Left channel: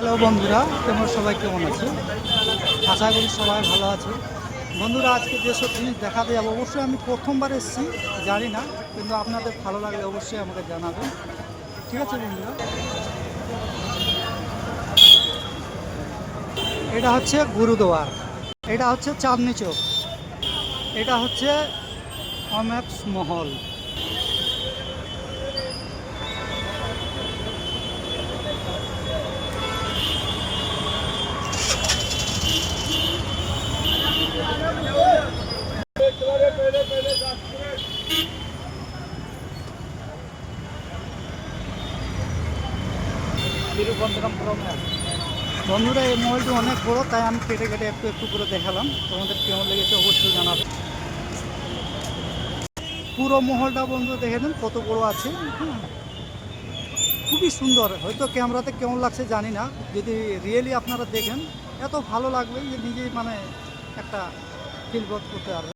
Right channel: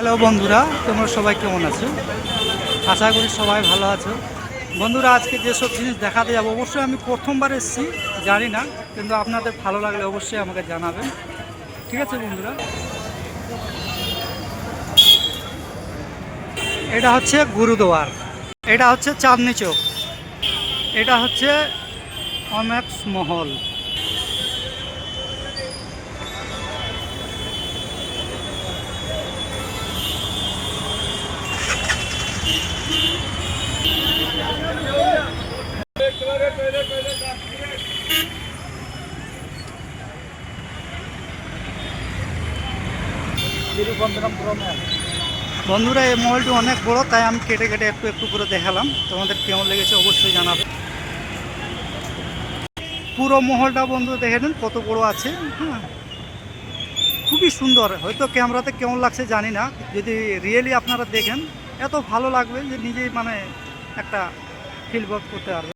Hello বন্ধুরা, তোমরা সবাই কেমন আছো? আশা করি সবাই ভালো আছো। বন্ধুরা, আজকে যেসব জিনিস দেখাতে যাবো, অবশ্যই আমি প্রথমবার এসেছি, জানি না, কিন্তু আপনাদের ভালো লাগলে অবশ্যই আমাকে জানাবেন। ঠিক আছে বন্ধুরা, এটা হচ্ছে গুরুদুয়ার, এটা হচ্ছে চাঁদনি চৌক, এটা হচ্ছে অমেক্স মহল। বন্ধুরা, এই মহলটি অনেক বড়, তাই আমি কেটে কেটে একটু একটু করে দেখালাম। তোমাদের কেমন লেগেছে অবশ্যই জানাবে। পুরো মহলটা বন্ধু দেখে নিন কত বড় আছে। হ্যাঁ, খুবই সুন্দর। হয়তো ক্যামেরাতে কেমন লাগছে জানি না, যদি রিয়েলি আপনারা দেখেন এত ভালো লাগবে যে নিজেই একটা ফিল করতে পারবে।